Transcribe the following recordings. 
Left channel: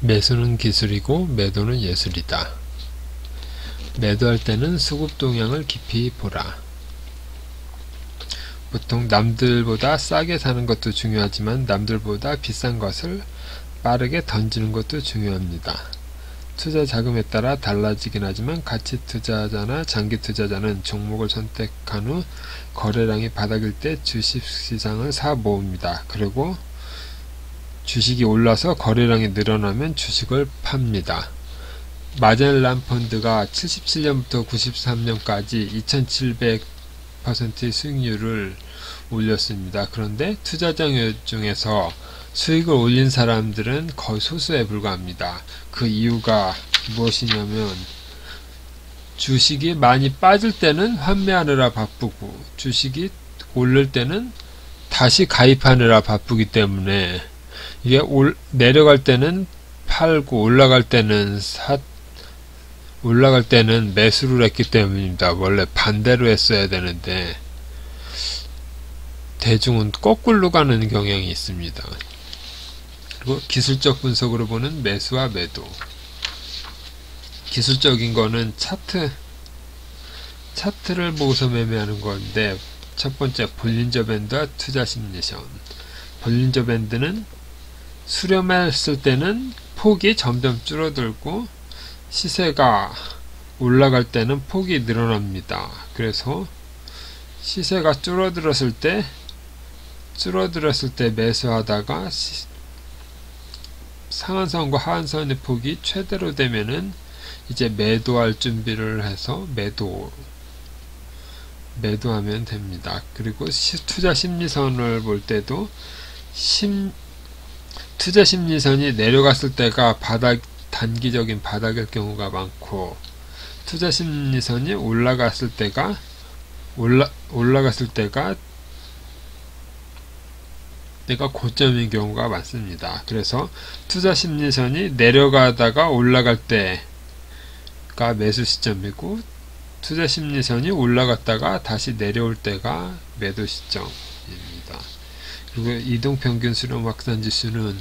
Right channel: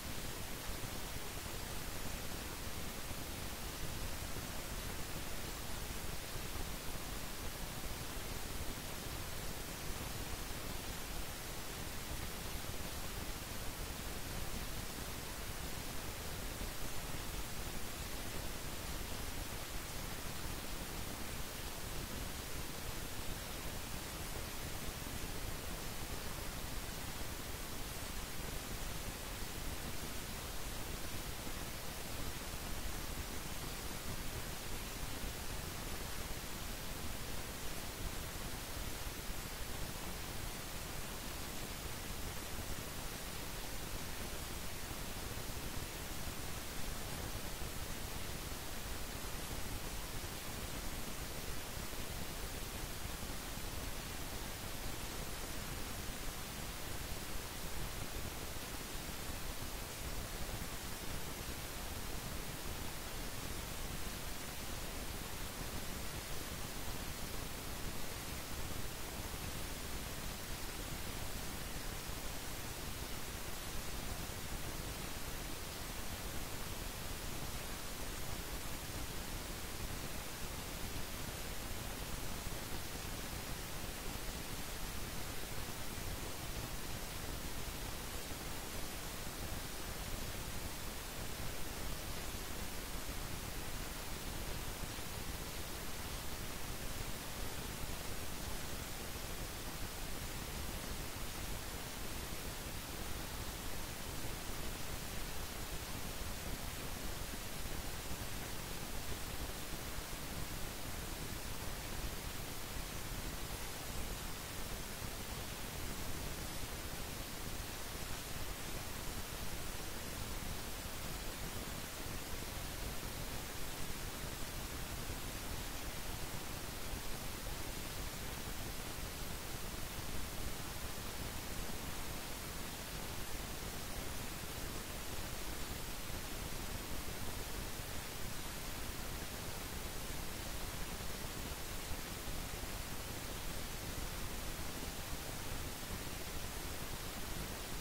매수는 기술이고 매도는 예술이다. 매도할 때는 수급 동향을 깊이 보라. 보통 남들보다 싸게 사는 것도 중요하지만 남들보다 비싼 것을 빠르게 던지는 것도 중요합니다. 투자 자금에 따라 달라지긴 하지만 가치 투자자나 장기 투자자는 종목을 선택한 후 거래량이 바닥일 때 주식시장을 사 모읍니다. 그리고 주식이 올라서 거래량이 늘어나면 주식을 팝니다. 마젤란 펀드가 77년부터 93년까지 2700%의 수익률을 올렸습니다. 그런데 투자자 중에서 수익을 올린 사람들은 거의 소수에 불과합니다. 그 이유가 무엇이냐면 주식이 많이 빠질 때는 환매하느라 바쁘고 주식이 오를 때는 다시 가입하느라 바쁘기 때문에 이게 내려갈 때는 팔고 올라갈 때는 매수를 했기 때문입니다. 원래 반대로 했어야 되는데 대중은 거꾸로 가는 경향이 있습니다. 그리고 기술적 분석으로 보는 매수와 매도. 기술적인 거는 차트를 보고서 매매하는 건데, 첫 번째 볼린저 밴드와 투자 심리션. 볼린저 밴드는 수렴했을 때는 폭이 점점 줄어들고 시세가 올라갈 때는 폭이 늘어납니다. 그래서 시세가 줄어들었을 때 매수하다가 상한선과 하한선의 폭이 최대로 되면은 이제 매도할 준비를 해서 매도하면 됩니다. 그리고 투자 심리선을 볼 때도 투자 심리선이 내려갔을 때가 단기적인 바닥일 경우가 많고, 투자 심리선이 올라갔을 때가 내가 고점인 경우가 많습니다. 그래서 투자 심리선이 내려가다가 올라갈 때가 매수 시점이고, 투자 심리선이 올라갔다가 다시 내려올 때가 매도 시점입니다. 그리고 이동평균 수렴 확산 지수는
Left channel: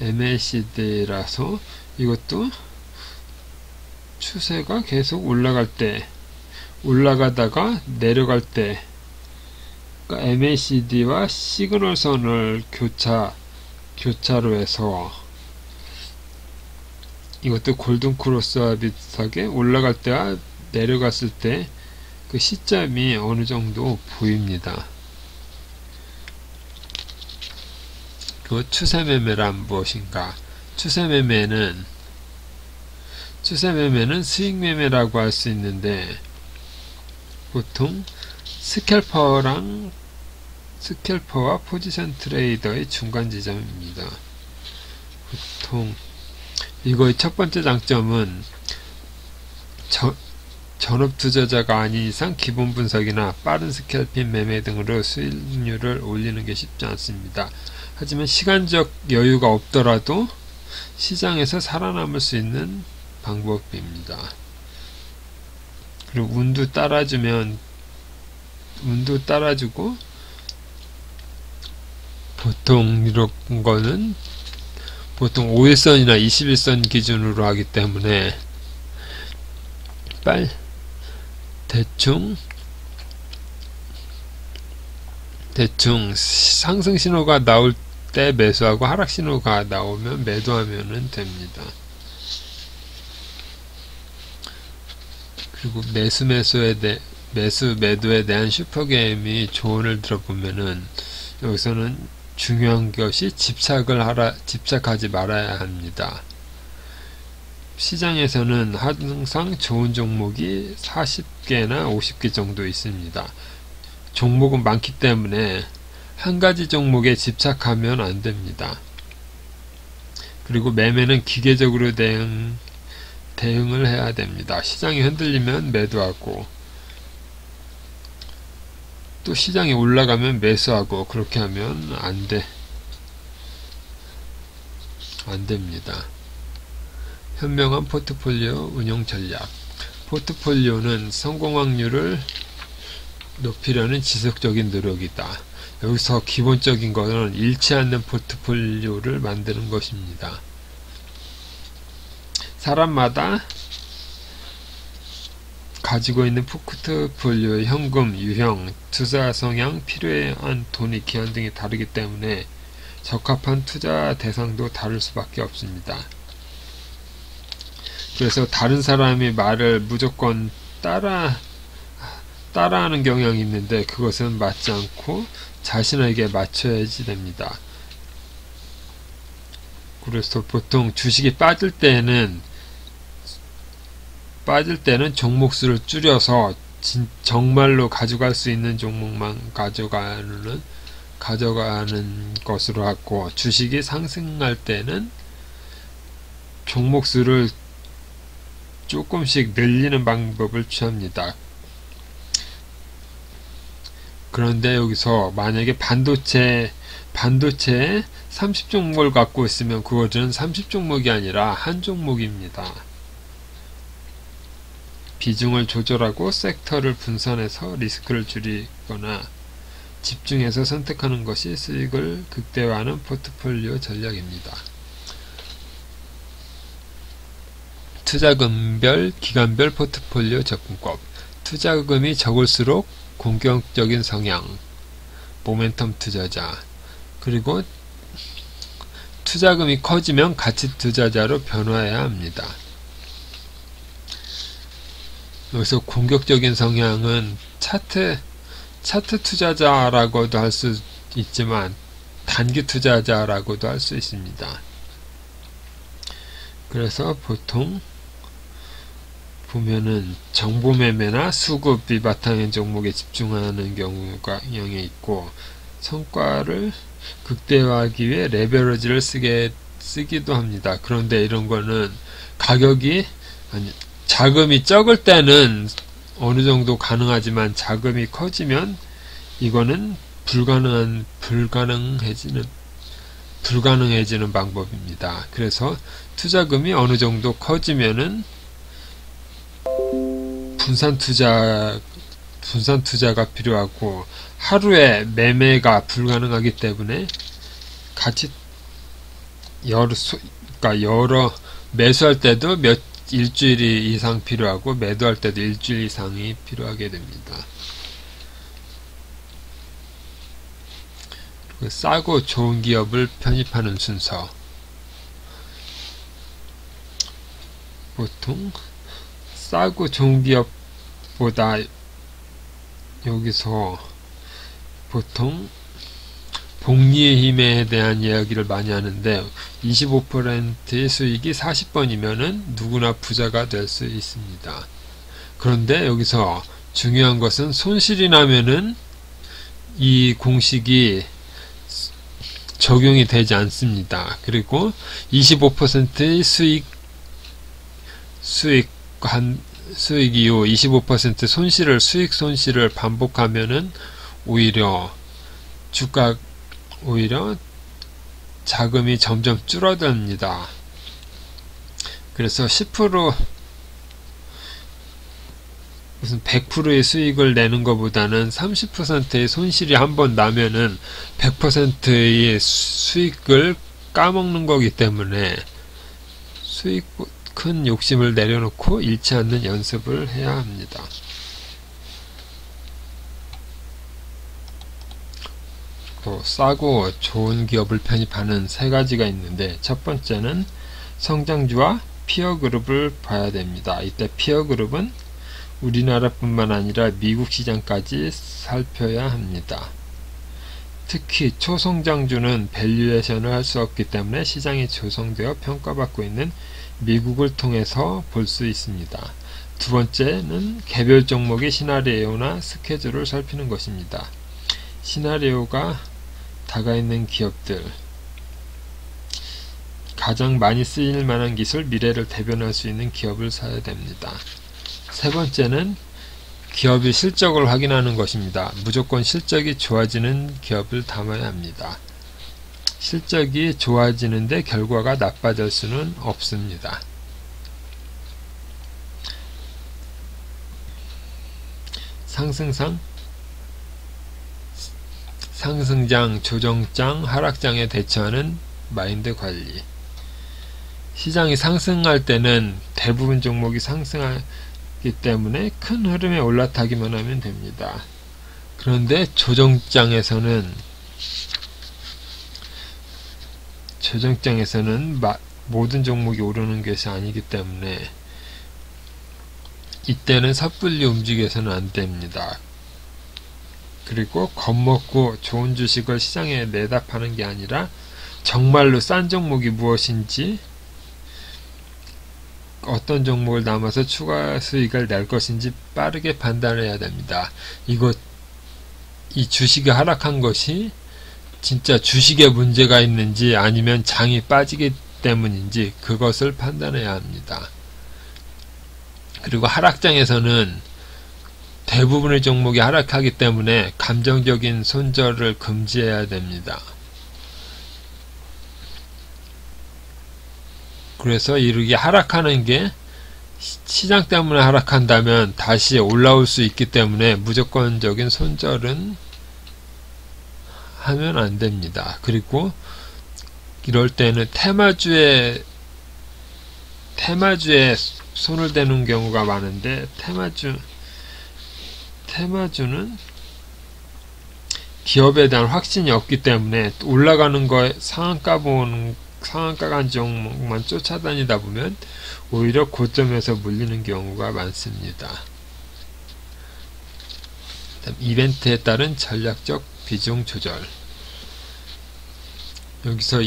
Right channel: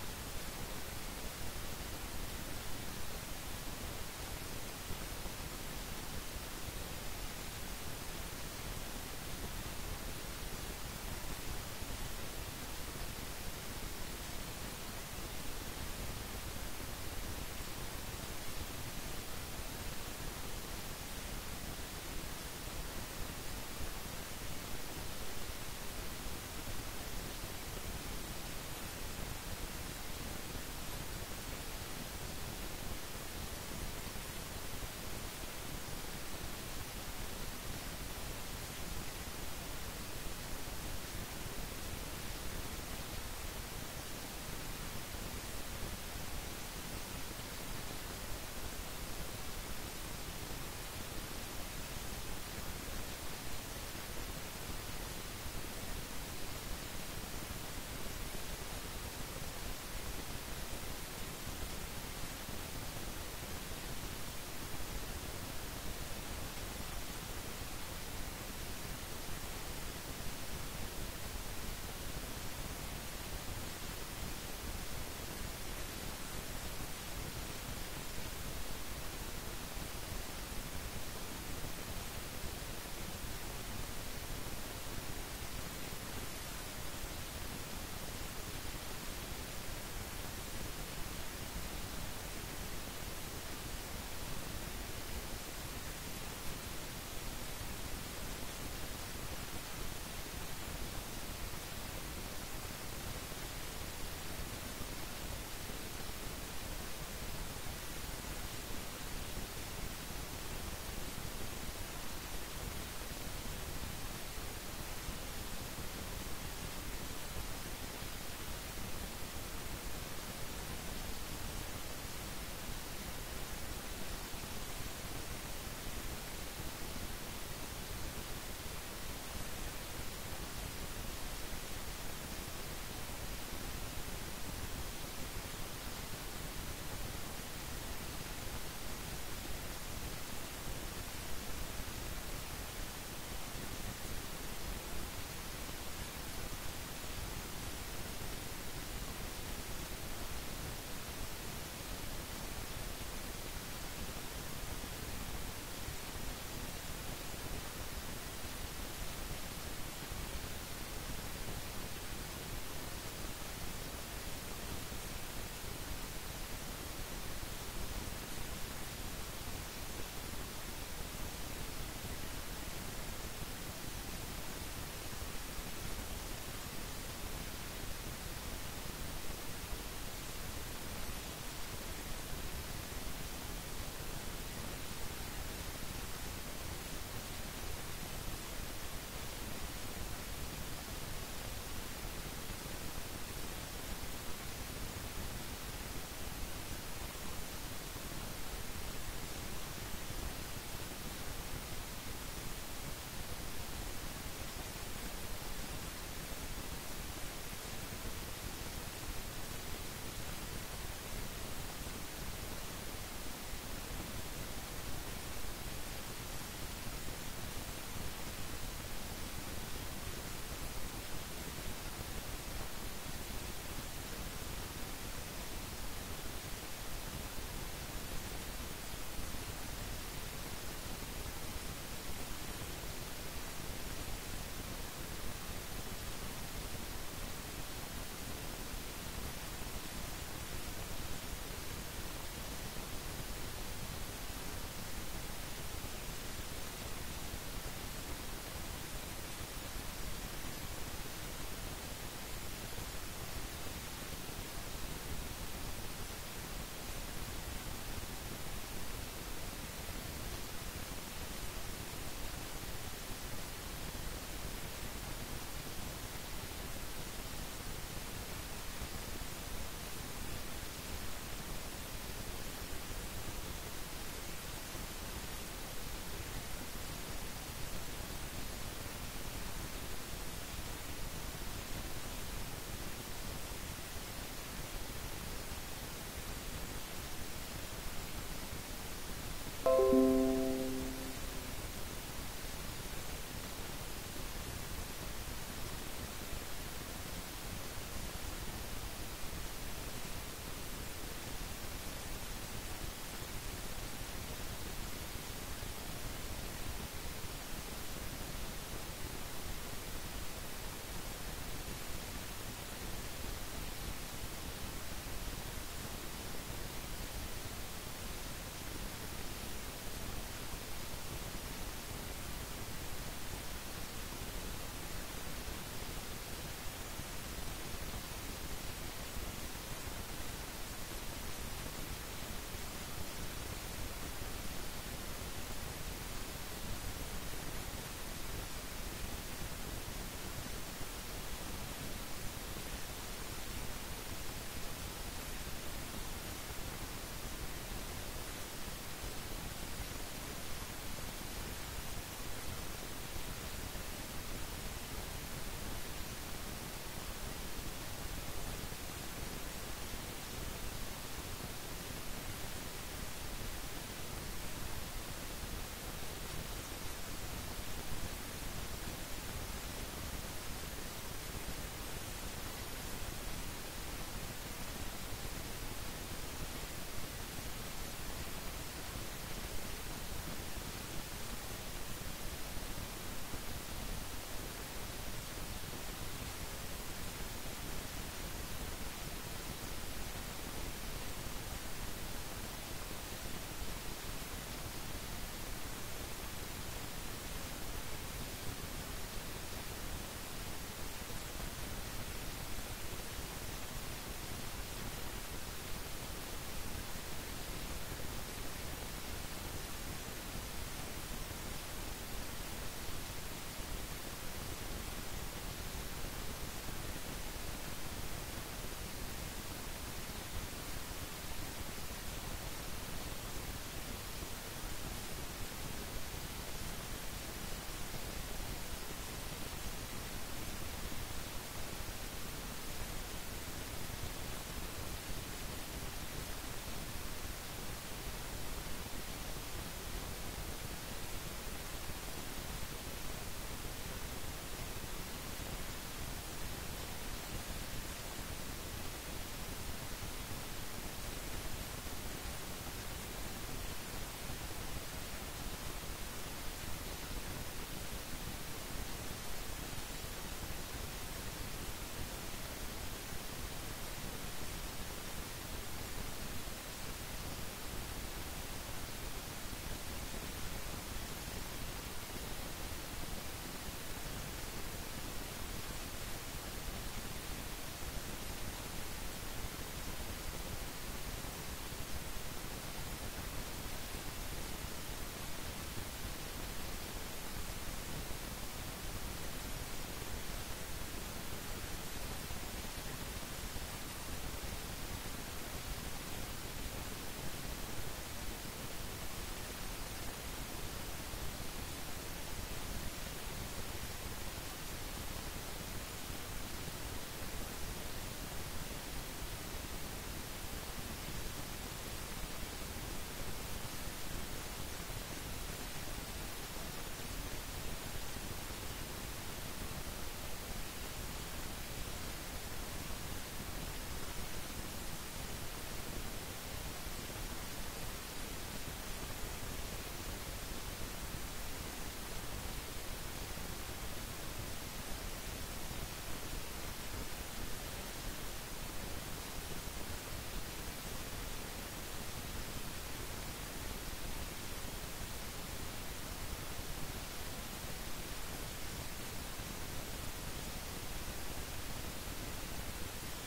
MACD라서 이것도 추세가 계속 올라가다가 내려갈 때, 그러니까 MACD와 시그널선을 교차로 해서 이것도 골든 크로스와 비슷하게 올라갈 때와 내려갔을 때 그 시점이 어느 정도 보입니다. 그 추세 매매란 무엇인가? 추세 매매는 수익 매매라고 할 수 있는데, 보통 스캘퍼와 포지션 트레이더의 중간 지점입니다. 보통 이거의 첫 번째 장점은 전업 투자자가 아닌 이상 기본 분석이나 빠른 스캘핑 매매 등으로 수익률을 올리는 게 쉽지 않습니다. 하지만 시간적 여유가 없더라도 시장에서 살아남을 수 있는 방법입니다. 그리고 운도 따라주고, 보통 이런 거는 보통 5일선이나 21선 기준으로 하기 때문에 대충 상승 신호가 나올 때 매수하고 하락 신호가 나오면 매도하면 됩니다. 그리고 매도에 대한 슈퍼게임이 조언을 들어보면은, 여기서는 중요한 것이 집착하지 말아야 합니다. 시장에서는 항상 좋은 종목이 40개나 50개 정도 있습니다. 종목은 많기 때문에 한 가지 종목에 집착하면 안 됩니다. 그리고 매매는 기계적으로 대응을 해야 됩니다. 시장이 흔들리면 매도하고, 또 시장이 올라가면 매수하고, 그렇게 하면 안 됩니다. 현명한 포트폴리오 운용 전략. 포트폴리오는 성공 확률을 높이려는 지속적인 노력이다. 여기서 기본적인 것은 잃지 않는 포트폴리오를 만드는 것입니다. 사람마다 가지고 있는 포트폴리오의 현금, 유형, 투자 성향, 필요한 돈의 기한 등이 다르기 때문에 적합한 투자 대상도 다를 수밖에 없습니다. 그래서 다른 사람의 말을 무조건 따라하는 경향이 있는데 그것은 맞지 않고 자신에게 맞춰야지 됩니다. 그래서 보통 주식이 빠질 때는 종목수를 줄여서 정말로 가져갈 수 있는 종목만 가져가는 것으로 하고, 주식이 상승할 때는 종목수를 조금씩 늘리는 방법을 취합니다. 그런데 여기서 만약에 반도체에 30종목을 갖고 있으면 그것은 30종목이 아니라 한 종목입니다. 비중을 조절하고 섹터를 분산해서 리스크를 줄이거나 집중해서 선택하는 것이 수익을 극대화하는 포트폴리오 전략입니다. 투자금별, 기간별 포트폴리오 접근법. 투자금이 적을수록 공격적인 성향, 모멘텀 투자자, 그리고 투자금이 커지면 가치 투자자로 변화해야 합니다. 여기서 공격적인 성향은 차트 투자자라고도 할 수 있지만 단기 투자자라고도 할 수 있습니다. 그래서 보통 보면은 정보 매매나 수급이 바탕인 종목에 집중하는 경우가 있고, 성과를 극대화하기 위해 레버리지를 쓰기도 합니다. 그런데 이런 거는 자금이 적을 때는 어느 정도 가능하지만 자금이 커지면 이거는 불가능해지는 방법입니다. 그래서 투자금이 어느 정도 커지면은 분산 투자가 필요하고, 하루에 매매가 불가능하기 때문에 매수할 때도 일주일 이상 필요하고 매도할 때도 일주일 이상이 필요하게 됩니다. 싸고 좋은 기업을 편입하는 순서. 보통 싸고 좋은 기업보다 여기서 보통 복리의 힘에 대한 이야기를 많이 하는데, 25%의 수익이 40번이면은 누구나 부자가 될 수 있습니다. 그런데 여기서 중요한 것은 손실이 나면은 이 공식이 적용이 되지 않습니다. 그리고 25%의 수익 이후 25% 수익 손실을 반복하면은 오히려 자금이 점점 줄어듭니다. 그래서 100%의 수익을 내는 것보다는 30%의 손실이 한번 나면은 100%의 수익을 까먹는 거기 때문에 큰 욕심을 내려놓고 잃지 않는 연습을 해야 합니다. 또 싸고 좋은 기업을 편입하는 세 가지가 있는데, 첫 번째는 성장주와 피어그룹을 봐야 됩니다. 이때 피어그룹은 우리나라뿐만 아니라 미국 시장까지 살펴야 합니다. 특히 초성장주는 밸류에이션을 할 수 없기 때문에 시장이 조성되어 평가받고 있는 미국을 통해서 볼 수 있습니다. 두 번째는 개별 종목의 시나리오나 스케줄을 살피는 것입니다. 시나리오가 다가있는 기업들, 가장 많이 쓰일 만한 기술, 미래를 대변할 수 있는 기업을 사야 됩니다. 세 번째는 기업의 실적을 확인하는 것입니다. 무조건 실적이 좋아지는 기업을 담아야 합니다. 실적이 좋아지는데 결과가 나빠질 수는 없습니다. 상승장, 조정장, 하락장에 대처하는 마인드 관리. 시장이 상승할 때는 대부분 종목이 상승하기 때문에 큰 흐름에 올라타기만 하면 됩니다. 그런데 조정장에서는 모든 종목이 오르는 것이 아니기 때문에 이때는 섣불리 움직여서는 안 됩니다. 그리고 겁먹고 좋은 주식을 시장에 내다 파는 게 아니라 정말로 싼 종목이 무엇인지, 어떤 종목을 남아서 추가 수익을 낼 것인지 빠르게 판단해야 됩니다. 이 주식이 하락한 것이 진짜 주식에 문제가 있는지 아니면 장이 빠지기 때문인지 그것을 판단해야 합니다. 그리고 하락장에서는 대부분의 종목이 하락하기 때문에 감정적인 손절을 금지해야 됩니다. 그래서 이렇게 하락하는 게 시장 때문에 하락한다면 다시 올라올 수 있기 때문에 무조건적인 손절은 하면 안 됩니다. 그리고 이럴 때는 테마주에 손을 대는 경우가 많은데, 테마주는 기업에 대한 확신이 없기 때문에 올라가는 거에 상한가 간 종목만 쫓아다니다 보면 오히려 고점에서 물리는 경우가 많습니다. 이벤트에 따른 전략적 비중 조절. 여기서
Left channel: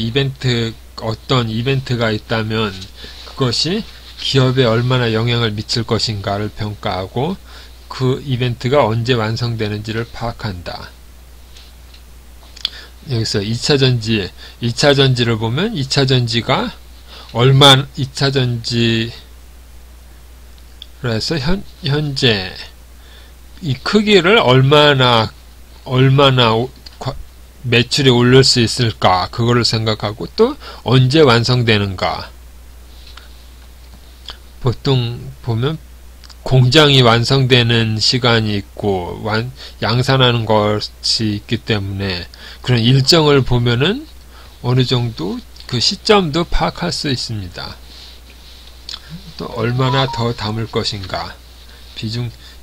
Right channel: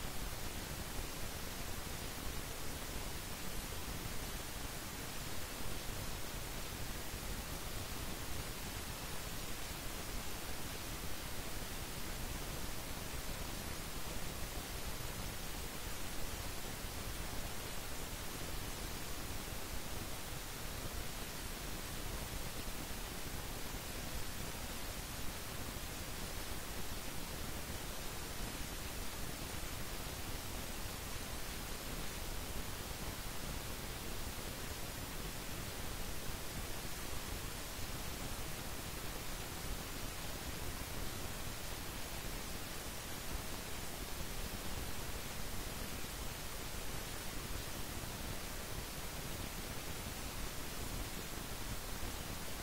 어떤 이벤트가 있다면 그것이 기업에 얼마나 영향을 미칠 것인가를 평가하고 그 이벤트가 언제 완성되는지를 파악한다. 여기서 2차전지를 보면 2차전지가 2차전지로 해서 현재 이 크기를 얼마나 매출이 오를 수 있을까, 그거를 생각하고 또 언제 완성되는가. 보통 보면 공장이 완성되는 시간이 있고 양산하는 것이 있기 때문에 그런 일정을 보면은 어느 정도 그 시점도 파악할 수 있습니다. 또 얼마나 더 담을 것인가.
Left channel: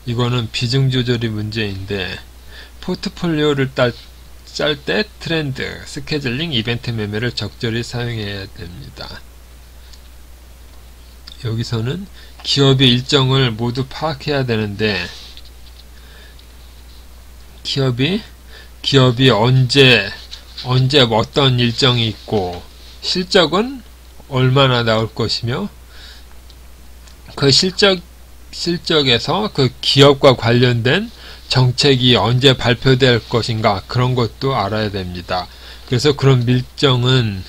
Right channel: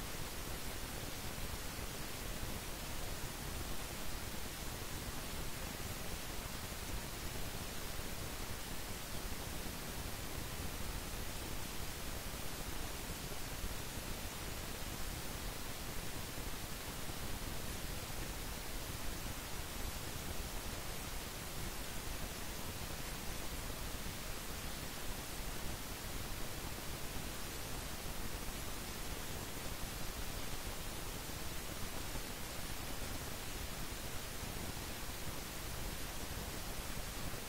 이거는 비중 조절이 문제인데, 포트폴리오를 짤 때 트렌드, 스케줄링, 이벤트 매매를 적절히 사용해야 됩니다. 여기서는 기업의 일정을 모두 파악해야 되는데, 기업이 언제 어떤 일정이 있고 실적은 얼마나 나올 것이며 그 실적에서 그 기업과 관련된 정책이 언제 발표될 것인가, 그런 것도 알아야 됩니다. 그래서 그런 일정은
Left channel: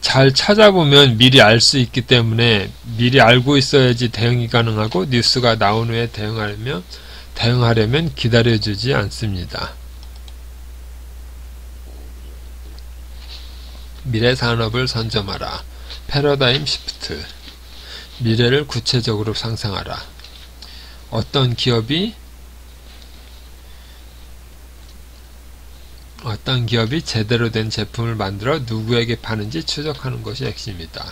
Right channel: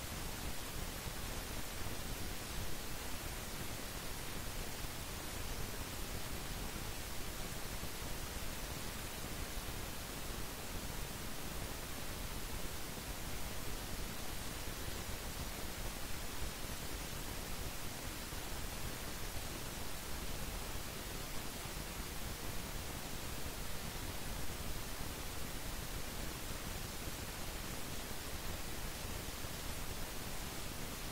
잘 찾아보면 미리 알 수 있기 때문에 미리 알고 있어야지 대응이 가능하고, 뉴스가 나온 후에 대응하려면 기다려주지 않습니다. 미래 산업을 선점하라. 패러다임 시프트. 미래를 구체적으로 상상하라. 어떤 기업이 제대로 된 제품을 만들어 누구에게 파는지 추적하는 것이 핵심이다.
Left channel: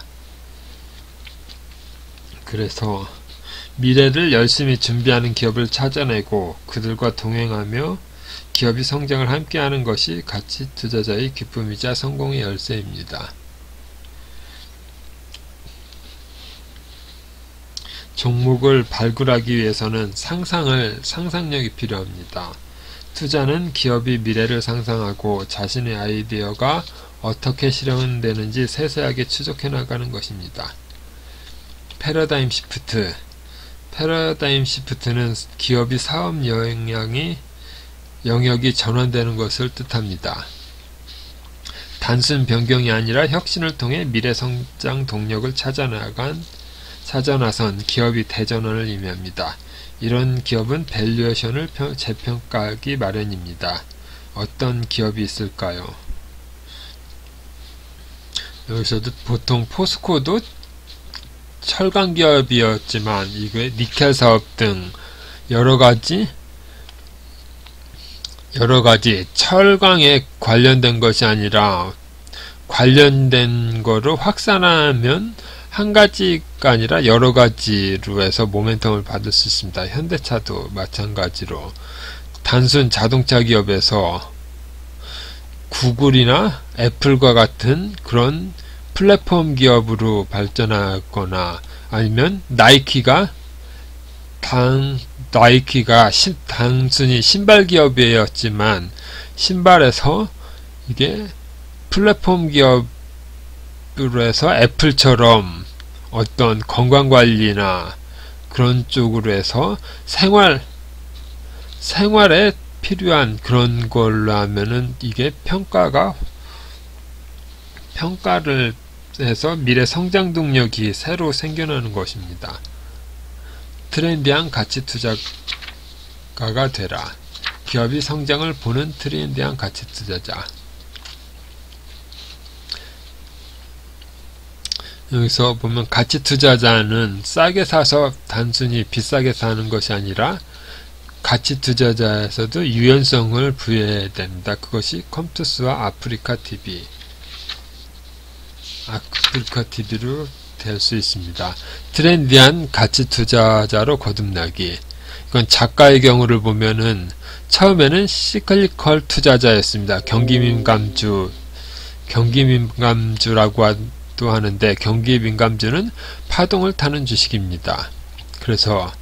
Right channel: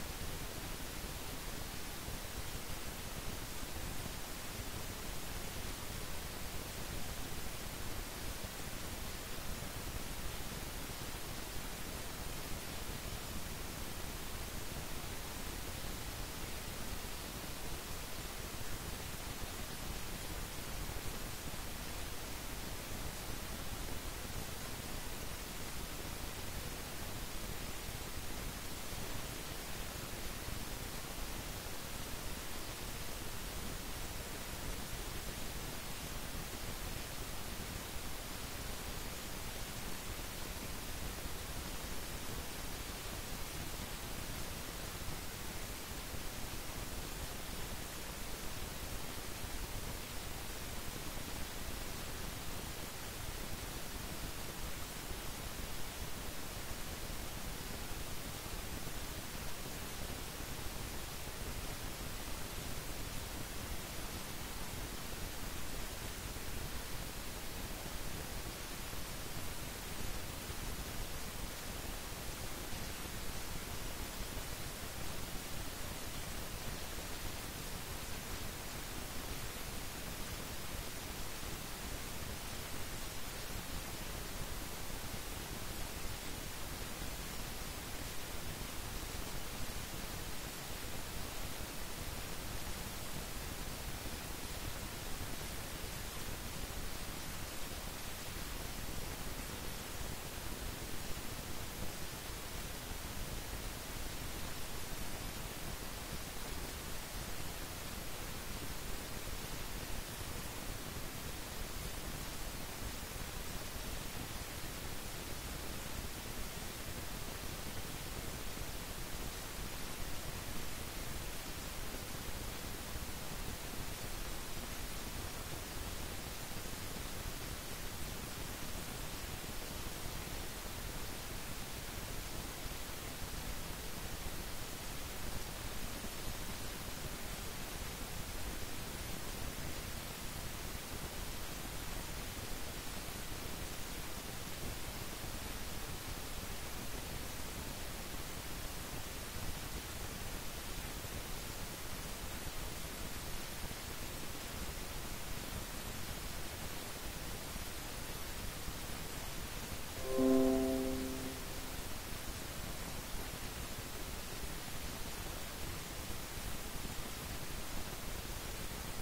그래서 미래를 열심히 준비하는 기업을 찾아내고 그들과 동행하며 기업이 성장을 함께하는 것이 가치 투자자의 기쁨이자 성공의 열쇠입니다. 종목을 발굴하기 위해서는 상상력이 필요합니다. 투자는 기업이 미래를 상상하고 자신의 아이디어가 어떻게 실현되는지 세세하게 추적해 나가는 것입니다. 패러다임 시프트는 기업이 사업 영역이 전환되는 것을 뜻합니다. 단순 변경이 아니라 혁신을 통해 미래 성장 동력을 찾아 나선 기업이 대전환을 의미합니다. 이런 기업은 밸류에이션을 재평가하기 마련입니다. 어떤 기업이 있을까요? 여기서도 보통 포스코도 철강 기업이었지만 이게 니켈 사업 등 여러가지 여러가지 철강에 관련된 것이 아니라 관련된 거를 확산하면 한 가지가 아니라 여러 가지로 해서 모멘텀을 받을 수 있습니다. 현대차도 마찬가지로 단순 자동차 기업에서 구글이나 애플과 같은 그런 플랫폼 기업으로 발전하거나 아니면 나이키가 단순히 신발 기업이었지만 신발에서 이게 플랫폼 기업으로 해서 애플처럼 어떤 건강관리나 그런 쪽으로 해서 생활에 필요한 그런 걸로 하면은 이게 평가를 해서 미래 성장 동력이 새로 생겨나는 것입니다. 트렌디한 가치 투자가가 되라. 기업이 성장을 보는 트렌디한 가치 투자자. 여기서 보면 가치 투자자는 싸게 사서 단순히 비싸게 사는 것이 아니라 가치 투자자에서도 유연성을 부여해야 됩니다. 그것이 컴투스와 아프리카 TV로 될 수 있습니다. 트렌디한 가치 투자자로 거듭나기. 이건 작가의 경우를 보면은 처음에는 시클리컬 투자자였습니다. 경기민감주라고 또 하는데 경기민감주는 파동을 타는 주식입니다. 그래서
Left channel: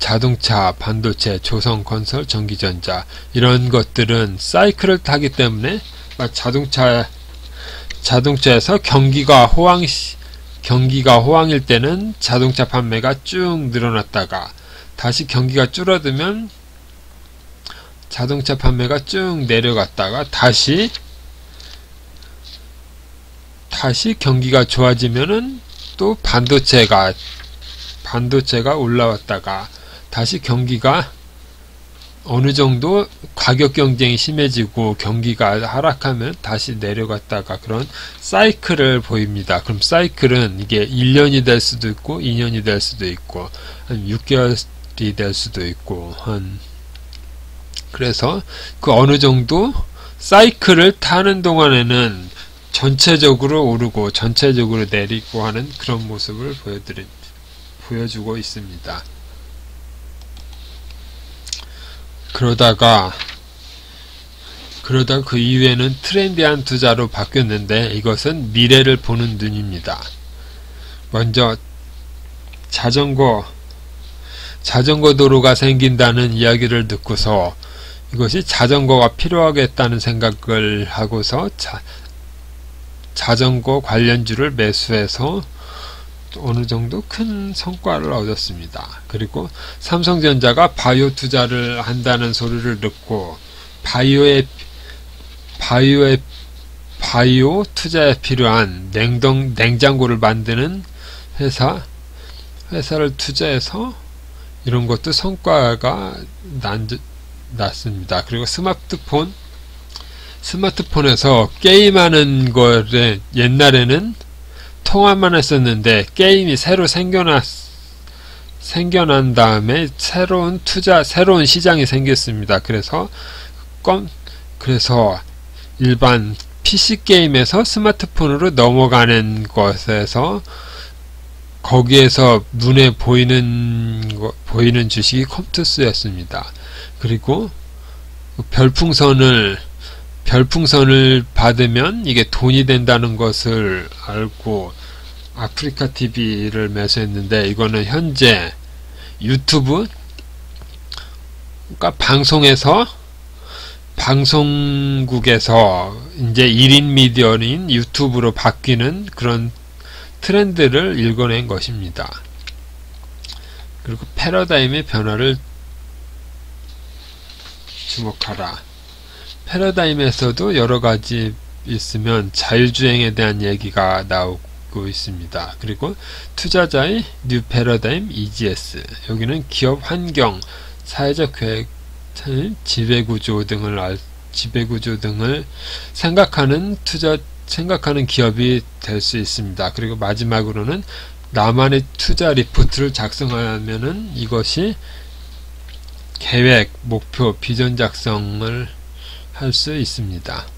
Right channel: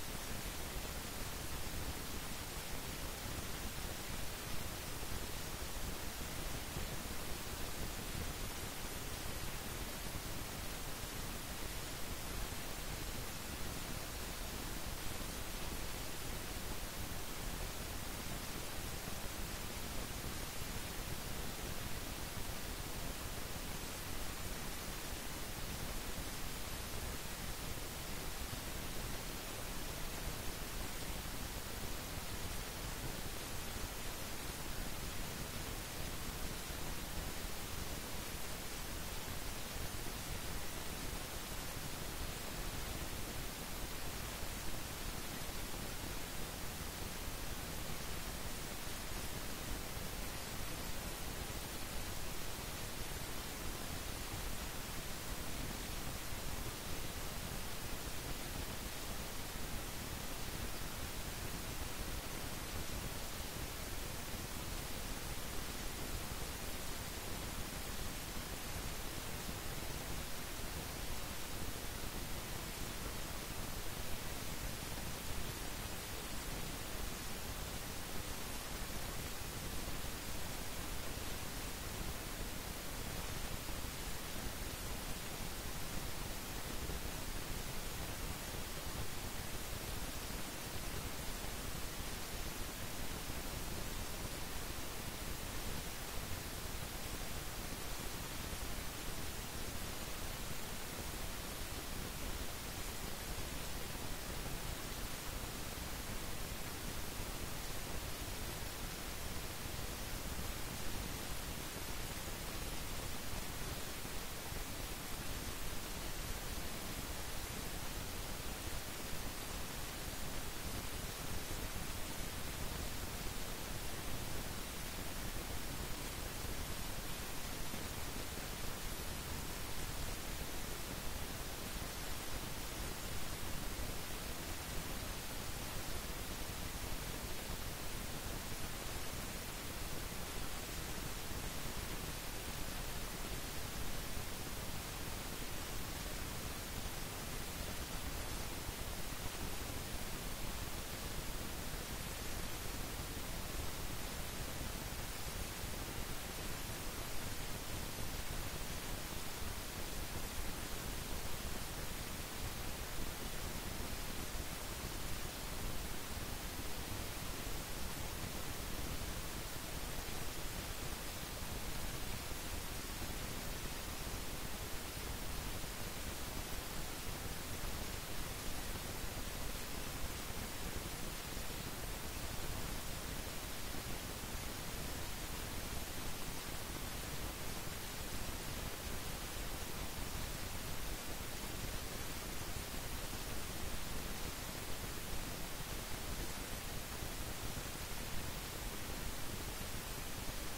자동차, 반도체, 조선건설, 전기전자 이런 것들은 사이클을 타기 때문에 자동차에서 경기가 호황일 때는 자동차 판매가 쭉 늘어났다가 다시 경기가 줄어들면 자동차 판매가 쭉 내려갔다가 다시 경기가 좋아지면은 또 반도체가 올라왔다가 다시 경기가 어느 정도 가격 경쟁이 심해지고 경기가 하락하면 다시 내려갔다가 그런 사이클을 보입니다. 그럼 사이클은 이게 1년이 될 수도 있고 2년이 될 수도 있고 한 6개월이 될 수도 있고 그래서 그 어느 정도 사이클을 타는 동안에는 전체적으로 오르고 전체적으로 내리고 하는 그런 모습을 보여주고 있습니다. 그러다가 그 이후에는 트렌디한 투자로 바뀌었는데 이것은 미래를 보는 눈입니다. 먼저 자전거 도로가 생긴다는 이야기를 듣고서 이것이 자전거가 필요하겠다는 생각을 하고서 자전거 관련주를 매수해서 어느 정도 큰 성과를 얻었습니다. 그리고 삼성전자가 바이오 투자를 한다는 소리를 듣고 바이오 투자에 필요한 냉장고를 만드는 회사를 투자해서 이런 것도 성과가 났습니다. 그리고 스마트폰에서 게임하는 거를 옛날에는 통화만 했었는데 게임이 새로 생겨난 다음에 새로운 시장이 생겼습니다. 그래서 일반 PC 게임에서 스마트폰으로 넘어가는 것에서 거기에서 눈에 보이는 주식이 컴투스였습니다. 그리고 별풍선을 받으면 이게 돈이 된다는 것을 알고 아프리카 TV를 매수했는데 이거는 현재 유튜브 그러니까 방송국에서 이제 1인 미디어인 유튜브로 바뀌는 그런 트렌드를 읽어낸 것입니다. 그리고 패러다임의 변화를 주목하라. 패러다임에서도 여러가지 있으면 자율주행에 대한 얘기가 나오고 있습니다. 그리고 투자자의 뉴 패러다임 EGS, 여기는 기업 환경, 사회적 계획, 지배구조 등을 생각하는 기업이 될 수 있습니다. 그리고 마지막으로는 나만의 투자 리포트를 작성하면은 이것이 계획, 목표, 비전 작성을 할 수 있습니다.